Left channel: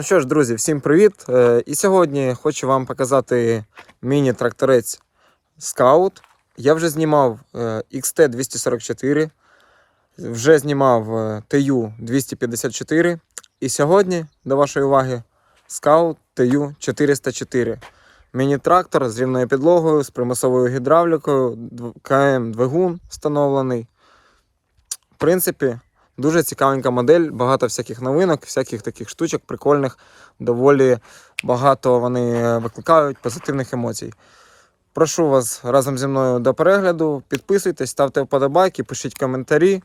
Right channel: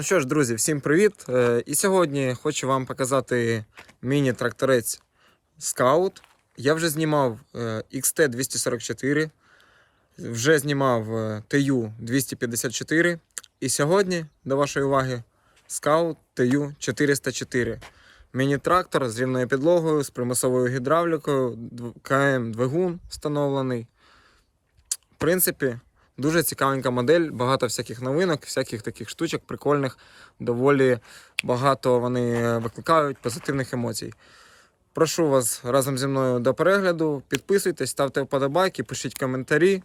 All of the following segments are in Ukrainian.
Ну що ж, друзі, всім привіт! Е, І сьогодні хочу вам показати міні-тракторець Scout. Я вже знімав е, XT244, вже знімав е, TU254. І сьогодні, до вашої уваги, Scout TU404. Міні-трактор з рівною підлогою, з примусовою гідравлікою, КМ-двигун встановлений. В принципі, Дуже цікавенька модель, багато всяких новинок, всяких таких штучок, прикольних, доволі багато вони викликають позитивних емоцій. Прошу вас разом зі мною до перегляду. Підписуйтесь, ставте вподобайки, пишіть коментарі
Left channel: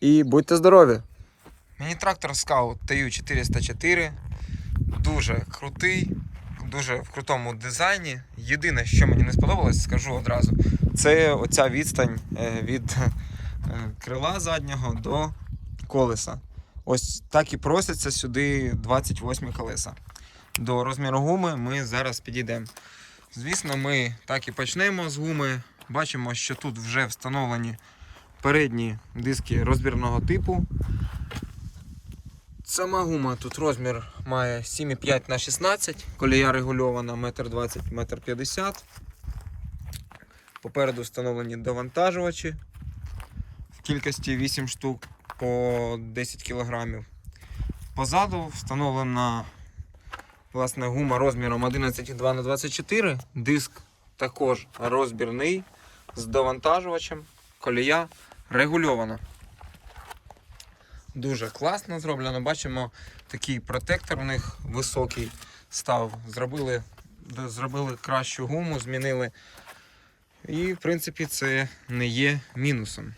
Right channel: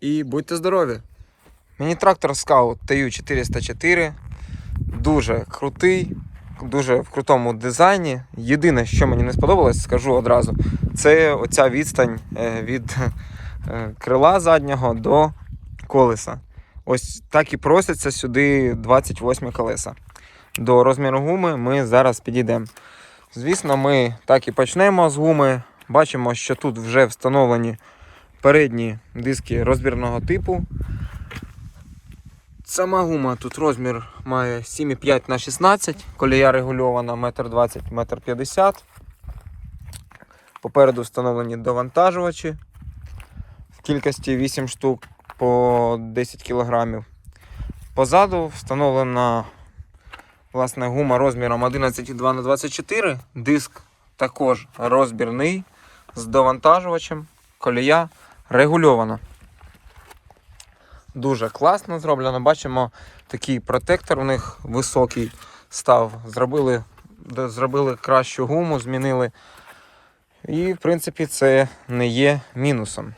і будьте здорові! Міні-трактор Scout TU404 дуже крутий, дуже в крутому дизайні. Єдине, що мені не сподобалось, скажу одразу, це оця відстань е, від крила заднього до колеса. Ось так і просяться сюди 28 колеса. До розміру гуми ми зараз підійдемо. Звісно, ми так і почнемо з гуми. Бачимо, що тут вже встановлені передні диски розбірного типу. Сама гума тут розмір має 7,5 на 16, колія регульована 1,20 м, 1,50 м. Попереду встановлені довантажувачі кількості 8 штук по 10 кг. Позаду встановлена власне, гума розміром 11,2 на 24 Диск також розбірний з довантажувачем. Колія регульована. Дуже класно зроблено. Бачимо, такий протектор у них високий став. Зробили, зробили кращу гуму, змінили. І, в принципі, це не є мінусом.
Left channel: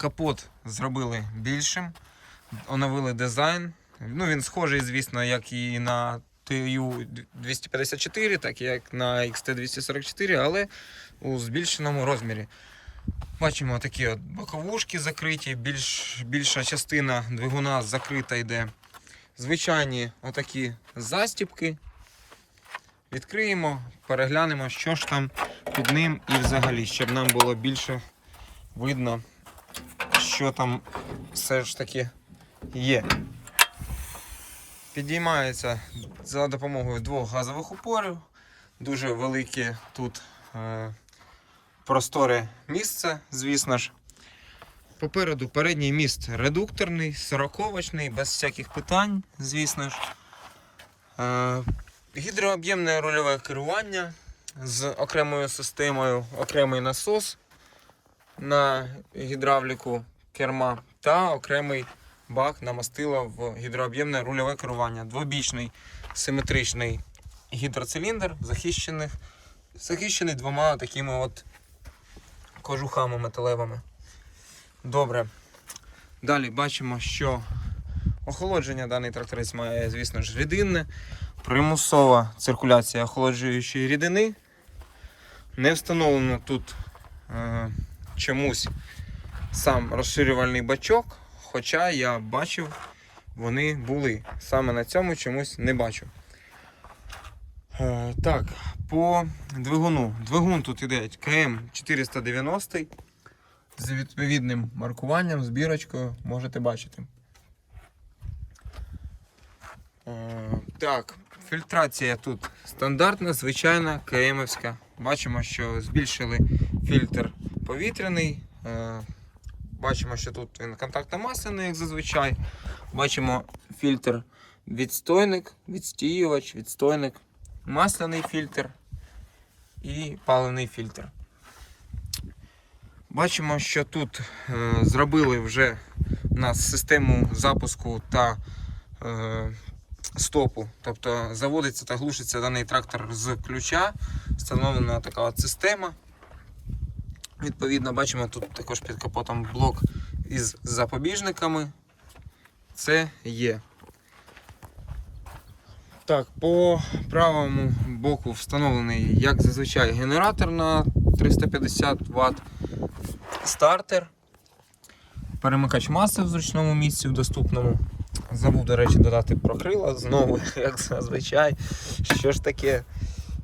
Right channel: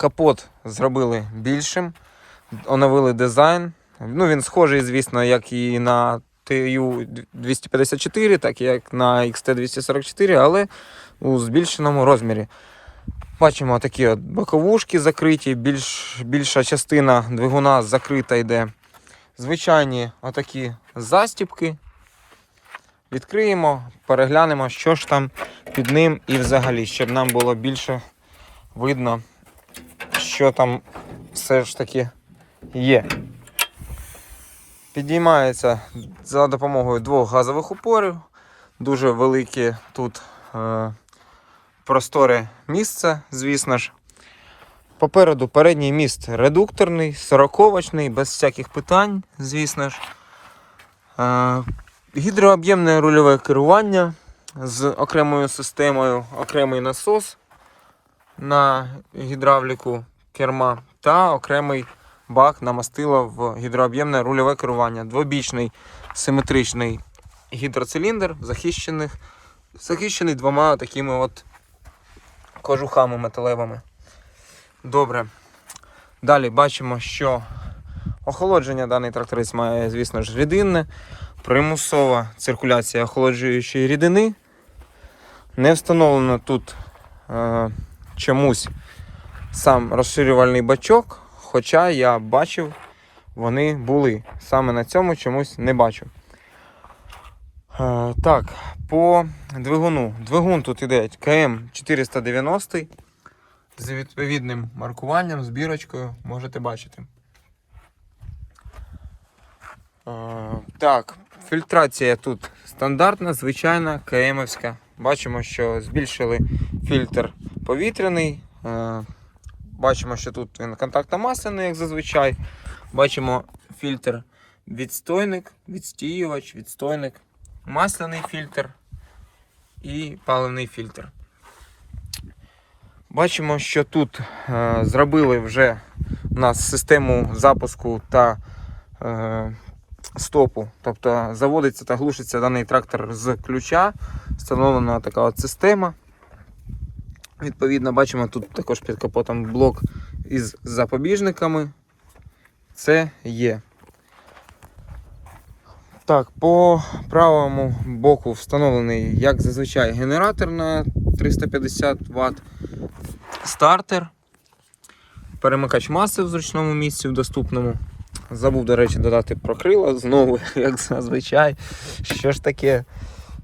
Капот зробили більшим, оновили дизайн. Ну, він схожий, звісно, як і на TU254, так і як на XT244, але у збільшеному розмірі. Бачимо такі от боковушки закриті, більш, більша частина двигуна закрита йде. Звичайні отакі застіпки. Відкриємо, переглянемо, що ж там під ним і взагалі, щоб нам було більше видно, що там все ж таки є. Підіймається за допомогою двох газових упорів. Дуже велике тут е, просторе місце, звісно ж. Попереду передній міст редукторний, сороковочний, без всяких питань, звісно ж. Е, гідрооб'ємне рульове керування з окремою системою, окремий насос на гідравліку керма та окремий бак на мастило в гідрооб'ємне рульове керування. Двобічний симетричний гідроциліндр, захищений, захищений двома такими от кожухами металевими. Добре. Далі бачимо, що охолодження даний тракторець має, звісно ж, рідинне, примусова циркуляція охолоджуючої рідини. Не встановлено тут е, чомусь сам розширювальний бачок, хоча я бачив, вони були. Саме на цьому чомусь не бачу. Е, так, по двигуну. Двигун тут іде КМ 490 з відповідним маркуванням, збірочкою, можете бачити. Е, так, фільтрація тут стандартна, звичайна, КМівська. Бачимо, що збільшили фільтр повітряний. Бачимо, що тут він контактно-масляний, як зазвичай. Бачимо фільтр відстойник, відстіювач, відстойник, масляний фільтр і паливний фільтр. Бачимо, що тут е, зробили вже у нас систему запуску та е, стопу. Тобто заводиться та глушиться даний трактор з ключа. Встановлена така от система. Відповідно, бачимо тут також під капотом блок із запобіжниками. Це є. Так, по правому боку встановлений, як зазвичай, генератор на 350 Вт, стартер, перемикач маси в зручному місці в доступному. Забув, до речі, додати про крила знову, як зазвичай. Що ж таке?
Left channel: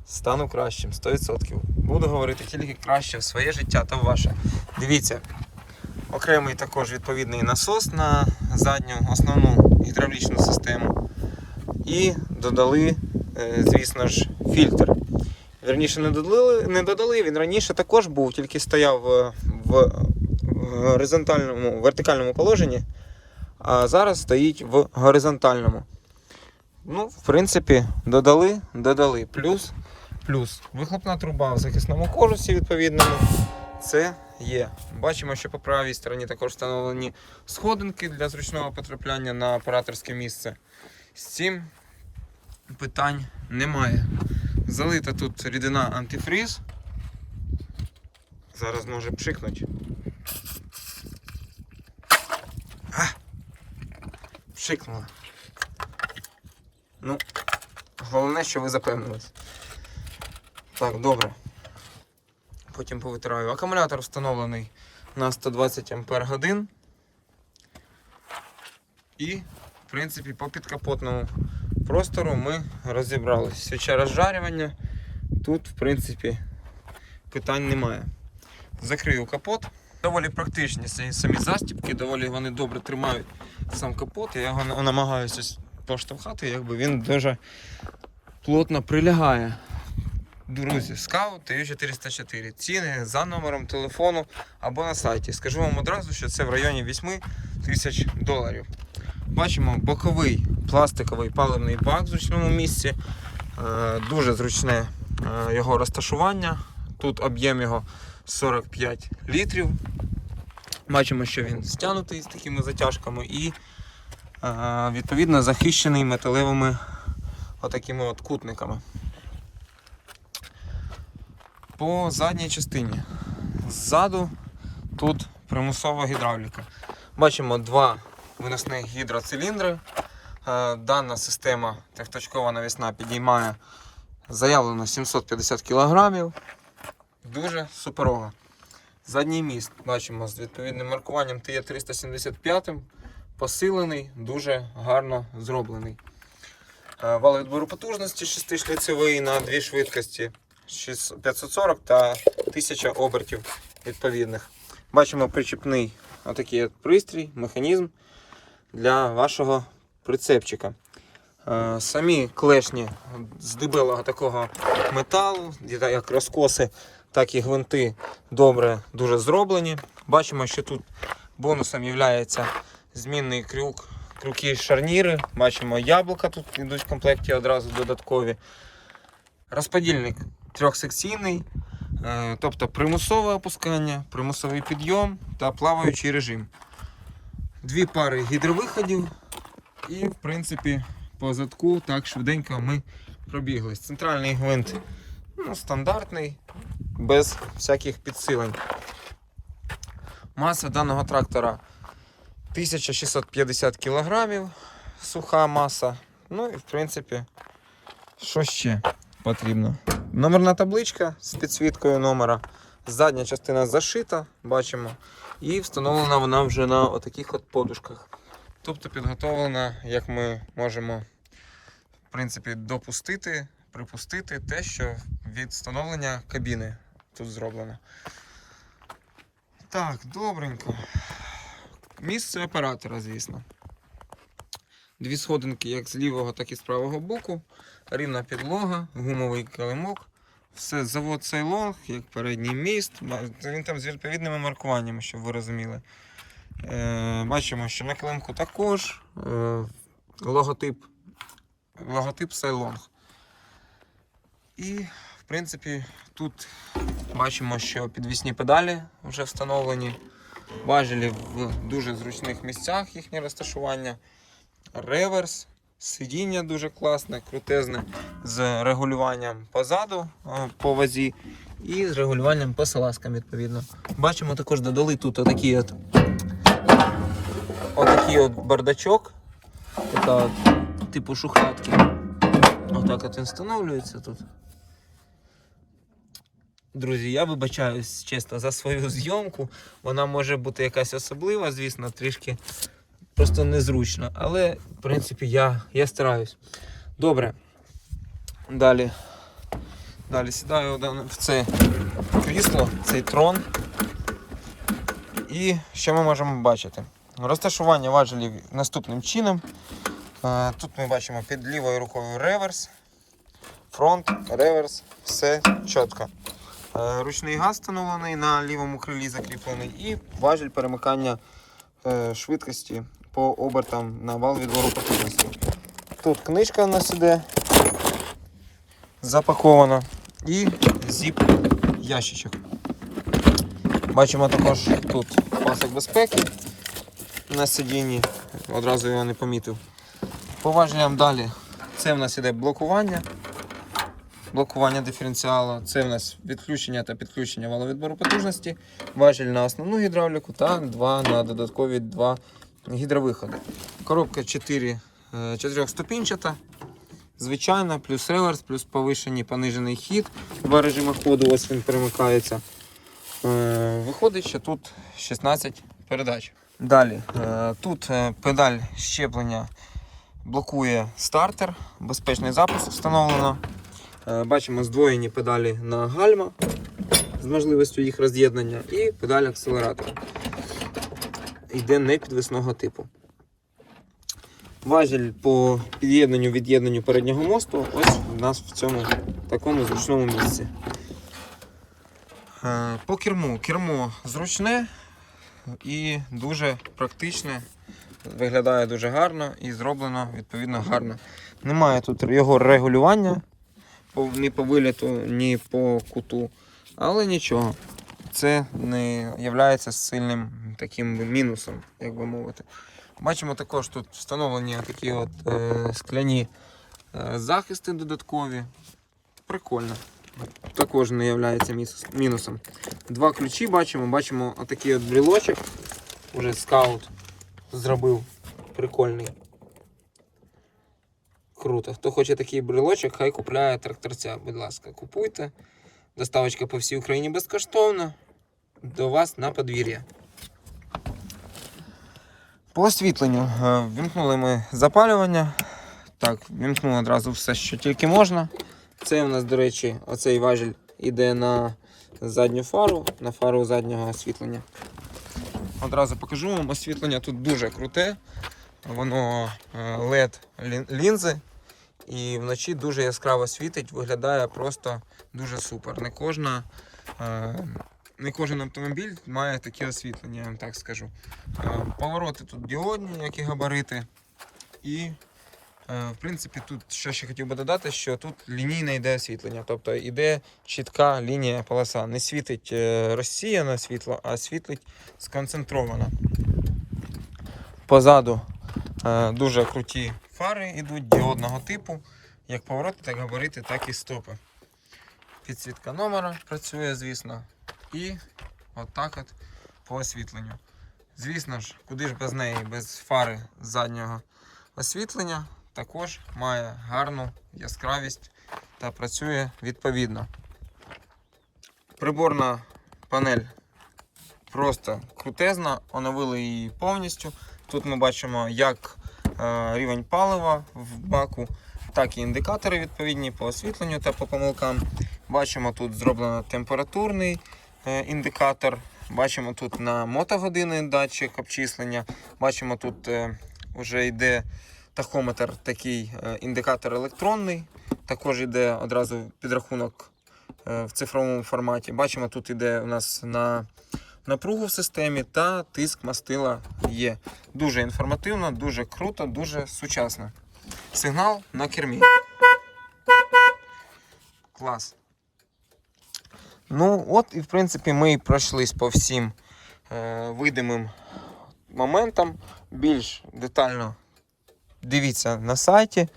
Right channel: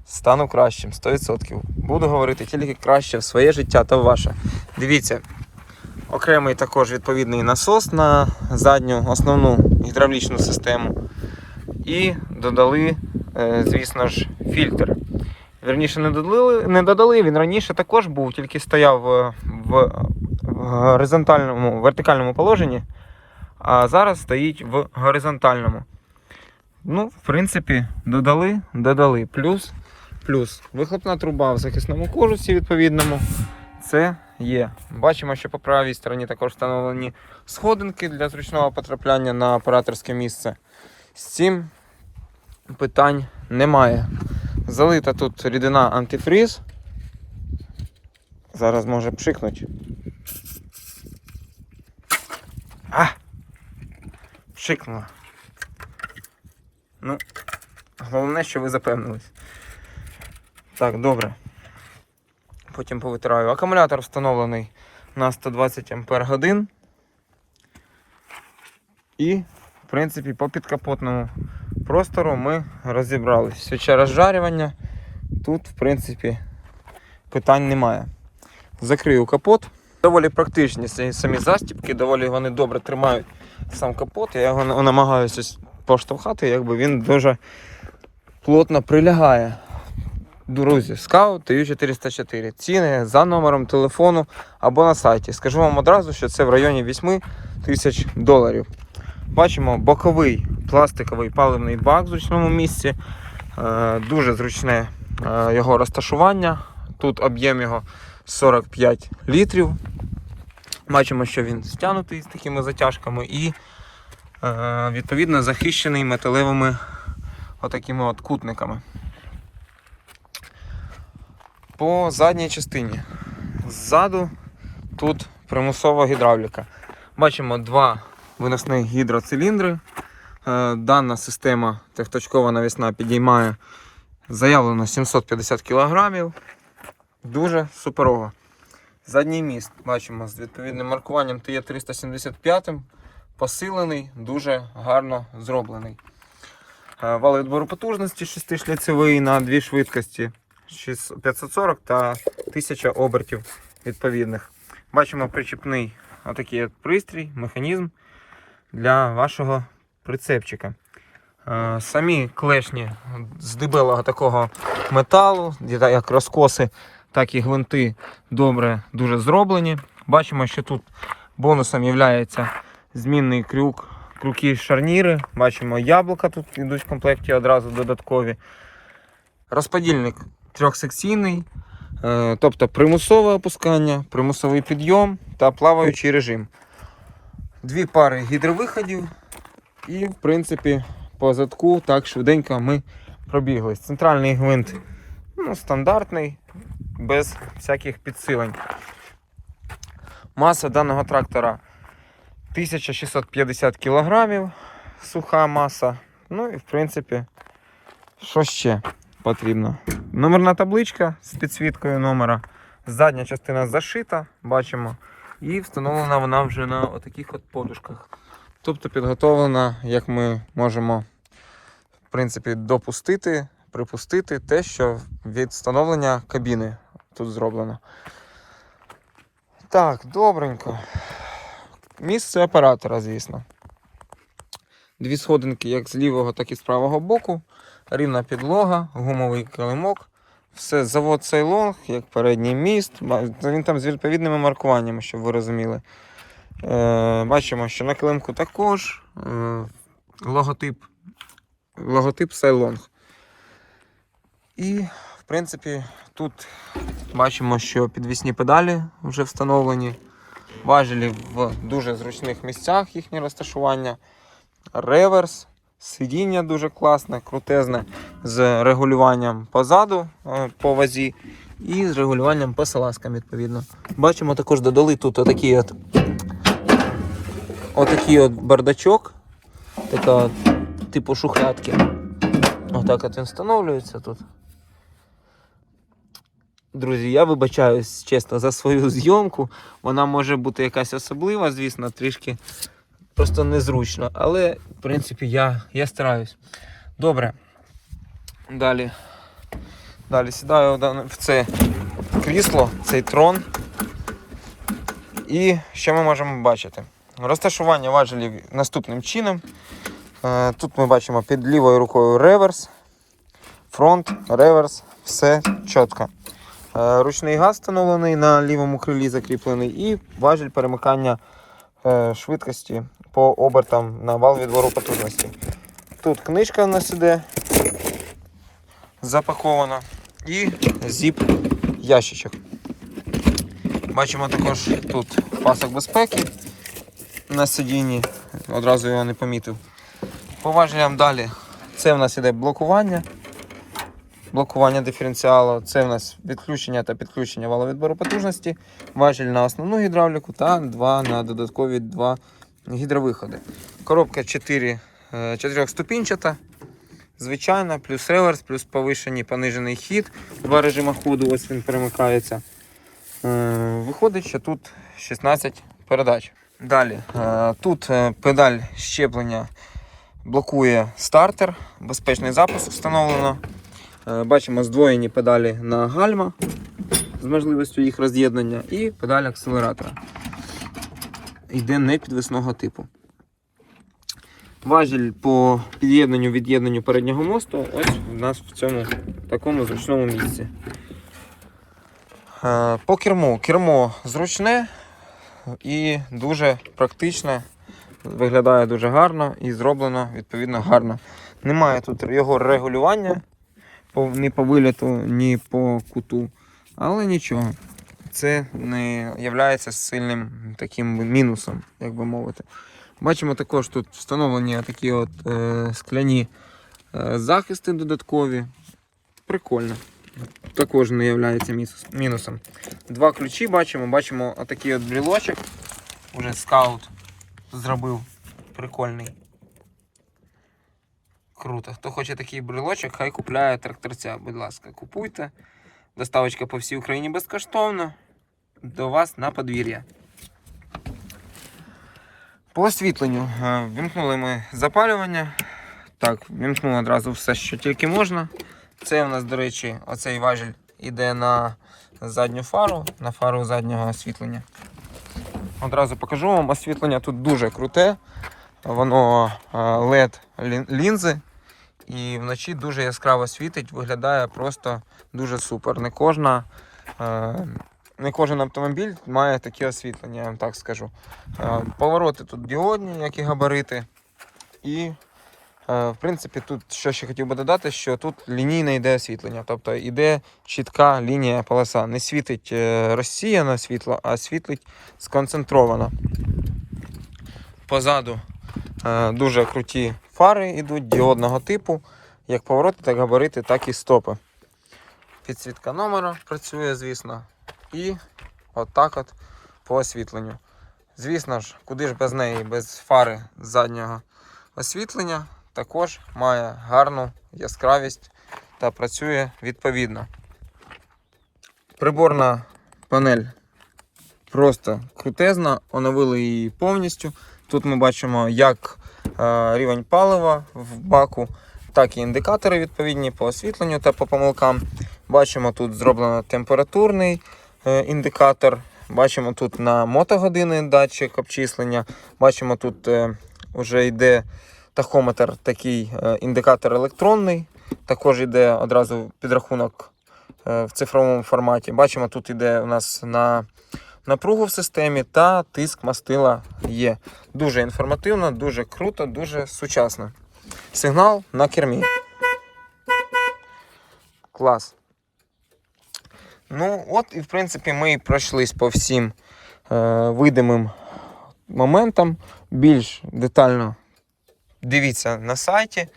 Стану кращим, 100%. Буду говорити тільки краще в своє життя та в ваше. Дивіться, окремий також відповідний насос на задню основну гідравлічну систему. І додали, е, звісно ж, фільтр. Верніше не додали, не додали, він раніше також був, тільки стояв е, в, в горизонтальному, вертикальному положенні, а зараз стоїть в горизонтальному. Ну, в принципі, додали, додали. Плюс, плюс вихлопна труба в захисному кожусі відповідному. Це є. Бачимо, що по правій стороні також встановлені сходинки для зручного потрапляння на операторське місце. З цим питань немає. Залита тут рідина антифриз. Зараз може пшикнуть. А! Пшикнула. Ну, головне, що ви запевнились. Так, добре. Потім повитираю. Акумулятор встановлений на 120 Ампер годин. І, в принципі, по підкапотному простору ми розібрались. Свіча розжарювання. Тут, в принципі, питань немає. Закрию капот. Доволі практичні самі застібки, доволі вони добре тримають сам капот. Я його намагаюся поштовхати, якби він дуже плотно прилягає. Друзі, скаут TU404. Ціни за номером телефону або на сайті. Скажу вам одразу, що це в районі 8 тисяч доларів. Бачимо боковий пластиковий паливний бак в зручному місці. Е, Дуже зручне е, його розташування. Тут об'єм його 45 літрів. Бачимо, що він стягнутий з такими затяжками і е, відповідно захищений металевими отакими от кутниками. По задній частині. Ззаду тут примусова гідравліка. Бачимо два виносних гідроциліндри. Е, Дана система трьохточкова навісна підіймає заявлено 750 кг. Дуже суперово. Задній міст бачимо з відповідним маркуванням TE375, посилений, дуже гарно зроблений. Е, Вал відбору потужності 6-шліцевий на дві швидкості 6- 540 та 1000 обертів відповідних. Бачимо причіпний отакий от пристрій, механізм для вашого прицепчика. Е, Самі клешні з дебелого такого металу, як розкоси, так і гвинти добре дуже зроблені. Бачимо, що тут бонусом є змінний крюк, крюки шарніри. Бачимо яблука тут йдуть в комплекті одразу додаткові. Розподільник трьохсекційний, е, тобто примусове опускання, примусовий підйом та плаваючий режим. Дві пари гідровиходів. І, в принципі, по задку так швиденько ми пробіглись. Центральний гвинт ну, стандартний, без всяких підсилень. Маса даного трактора 1650 кг, суха маса. Ну і в принципі, що ще потрібно? Номерна табличка з підсвіткою номера. Задня частина зашита, бачимо. І встановлена вона вже на отаких от подушках. Тобто підготовлена, як ми можемо в принципі, допустити, припустити те, що від встановлення кабіни тут зроблено. Так, добренько. Місце оператора, звісно. Дві сходинки як з лівого, так і з правого боку. Рівна підлога, гумовий килимок. Все, завод Ceylon, як передній міст. Він там з відповідними маркуваннями, щоб ви розуміли. Е, бачимо, що на килимку також е, логотип, логотип Ceylon. І, в принципі, тут бачимо, що підвісні педалі вже встановлені. Важелі в дуже зручних місцях їхнє розташування. Реверс, сидіння дуже класне, крутезне, з регулюванням позаду е, по вазі і з регулюванням по салазкам, відповідно. Бачимо, також додали тут отакий от, отакий от бардачок, такого типу шухлядки. Отак от він встановлюється тут. Друзі, я вибачаюсь чесно за свою зйомку. Вона може бути якась особлива, звісно, трішки просто незручно. Але, в принципі, я, я стараюсь. Добре. Далі. Далі сідаю в це крісло, цей трон. І що ми можемо бачити? Розташування важелів наступним чином. Е, Тут ми бачимо під лівою рукою реверс, фронт, реверс, все чітко. Е, Ручний газ встановлений на лівому крилі закріплений і важіль перемикання е, швидкості по обертам на вал відбору потужності. Тут книжка у нас іде запакована і зіп ящичок. Бачимо також тут пасок безпеки на сидінні, одразу його не помітив. По далі це в нас іде блокування. Блокування диференціалу, це в нас відключення та підключення валовідбору потужності, важіль на основну гідравліку та два на додаткові два гідровиходи. Коробка 4, 4 ступінчата, звичайна, плюс реверс, плюс повишений понижений хід. Два режими ходу, ось він перемикається. Е, Виходить, що тут 16 передач. Далі, е, тут е, педаль щеплення блокує стартер, безпечний запуск встановлено. Е, Бачимо здвоєні педалі на гальма з можливістю їх роз'єднання і педаль акселератора. Йде непідвісного типу. Важіль по під'єднанню від'єднанню переднього мосту ось у нас в цьому такому зручному місці. Е, По керму. Кермо зручне і дуже практичне. Виглядає дуже гарно і зроблено відповідно гарно. Немає тут його регулювання ні по виліту, ні по куту. Але нічого. Це не є сильним таким мінусом, як би мовити. Бачимо також тут встановлені такі от е, скляні е, захисти додаткові. Прикольно. Також не є мінусом. Два ключі бачимо. Бачимо отакий от брілочок. Уже скаут зробив. Прикольний. Круто. Хто хоче такий брелочок, хай купляє тракторця. Будь ласка, купуйте. Доставочка по всій Україні безкоштовна. До вас на подвір'я. По освітленню е, вімкнули ми запалювання. Так, вімкнули одразу все, що тільки можна. Це у нас, до речі, оцей важіль іде на задню фару, на фару заднього освітлення. Одразу покажу вам, освітлення тут дуже круте. Воно е, LED лін- лінзи. І вночі дуже яскраво світить, виглядає просто дуже супер. Не кожна. е, Не кожен автомобіль має таке освітлення, я вам так скажу. Е, Повороти тут діодні, і габарити. І, е, в принципі, тут що ще хотів би додати, що тут лінійне йде освітлення. Тобто йде чітка лінія полоса. Не світить е, розсіяно світло, а світлить сконцентровано. Позаду е, дуже круті фари йдуть діодного типу. Як повороти, так габарити, так і стопи. Підсвітка номера працює, звісно. І отак от по освітленню. Звісно ж, куди ж без неї, без фари заднього освітлення, також має гарну яскравість та працює відповідно. Приборна панель просто крутезна, оновили її повністю. Тут ми бачимо як рівень палива в баку, так і індикатори відповідні по освітленню та по помилкам. Бачимо тут зроблено температурний е, індикатор. Бачимо тут на мотогодини датчик обчислення. Бачимо тут е, вже йде тахометр, такий е, індикатор електронний. Також йде одразу підрахунок е, в цифровому форматі. Бачимо, тут йде у нас на напругу в системі та тиск мастила є. Дуже інформативно, дуже круто, дуже сучасно. Сигнал на кермі. Клас. Ну, от і в принципі ми пройшлись по всім е, видимим моментам. Більш детально дивіться на сайті.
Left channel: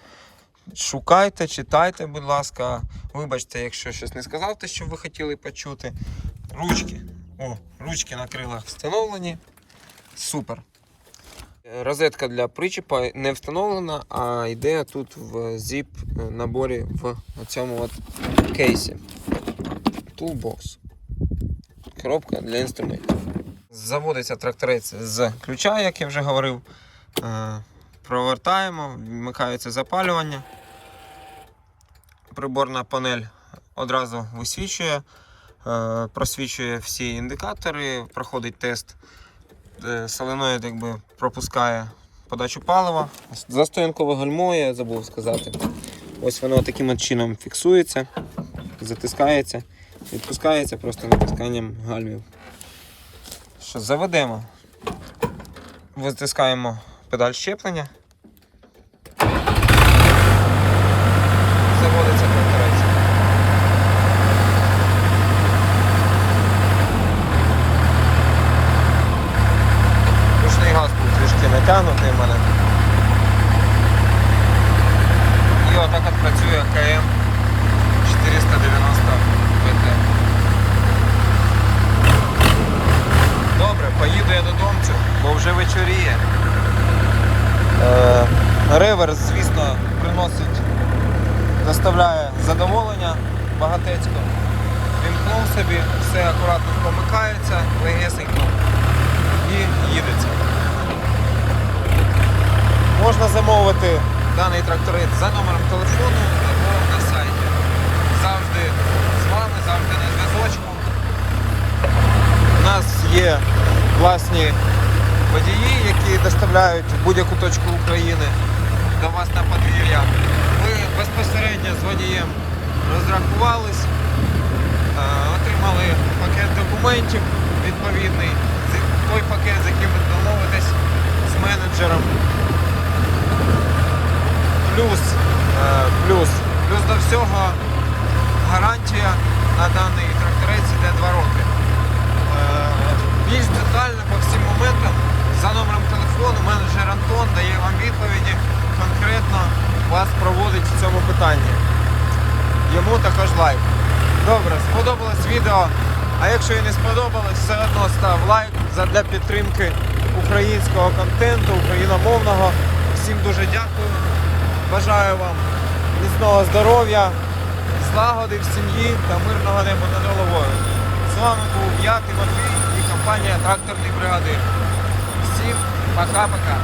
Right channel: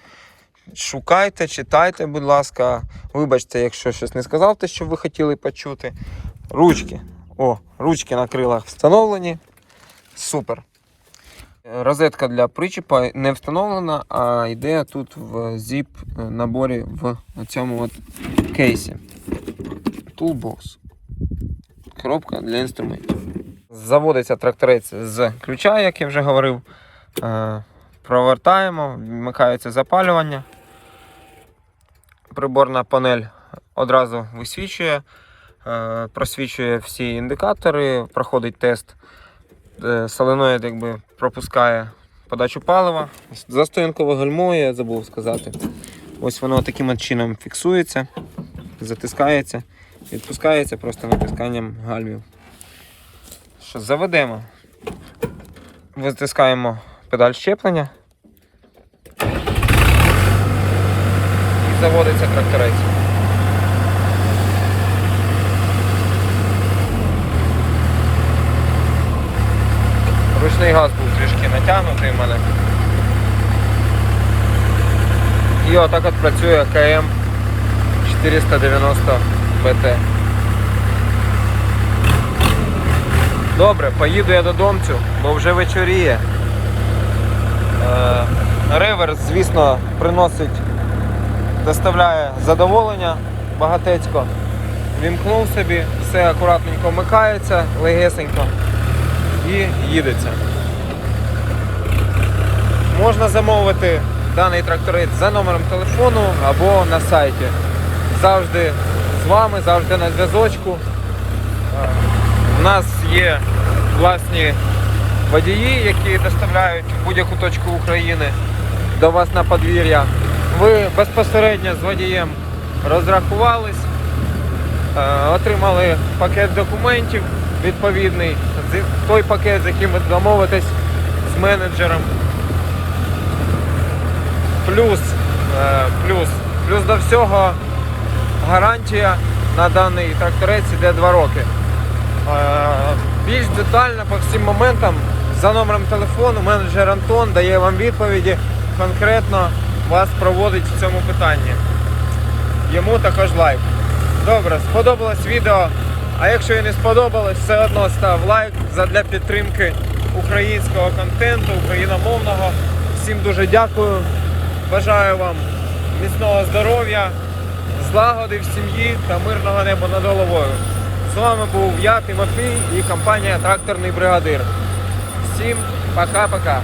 Шукайте, читайте, будь ласка. Вибачте, якщо щось не сказав, те, що ви хотіли почути. Ручки. О, ручки на крилах встановлені. Супер. Розетка для причіпа не встановлена, а йде тут в zip наборі в цьому от кейсі. Toolbox. Коробка для інструментів. Заводиться тракторець з ключа, як я вже говорив. Е, Провертаємо, вмикається запалювання. Приборна панель одразу висвічує, просвічує всі індикатори, проходить тест. Е, Соленоїд якби пропускає подачу палива. Застоянкове гальмо, я забув сказати. Ось воно таким чином фіксується, затискається, відпускається просто натисканням гальмів. Що, заведемо. Витискаємо педаль щеплення. Заводиться тракторець. Ручний газ був трішки натягнутий в мене. І отак от працює КМ 490 БТ. Добре, поїду я додомцю, бо вже вечоріє. Е, реверс, звісно, приносить, доставляє задоволення багатецько. Вімкнув собі, все акуратненько вмикається, легесенько і їдеться. Можна замовити даний тракторець за номером телефону або на сайті. Завжди з вами, завжди на зв'язочку. У нас є власні водії, які доставляють в будь-яку точку України до вас на подвір'я. Ви безпосередньо з водієм розрахувались, е, отримали пакет документів відповідний, той пакет, з яким ви домовитесь з менеджером. Плюс, е, плюс, плюс до всього гарантія на даний тракторець іде 2 роки. Е, Більш детально по всім моментам за номером телефону менеджер Антон дає вам відповіді, конкретно вас проводить в цьому питанні. Йому також лайк. Добре, сподобалось відео. А якщо і не сподобалось, все одно став лайк задля підтримки українського контенту, україномовного. Всім дуже дякую. Бажаю вам міцного здоров'я, злагоди в сім'ї та мирного неба над головою. З вами був я, Тимофій і компанія Тракторний бригадир. Всім пока-пока.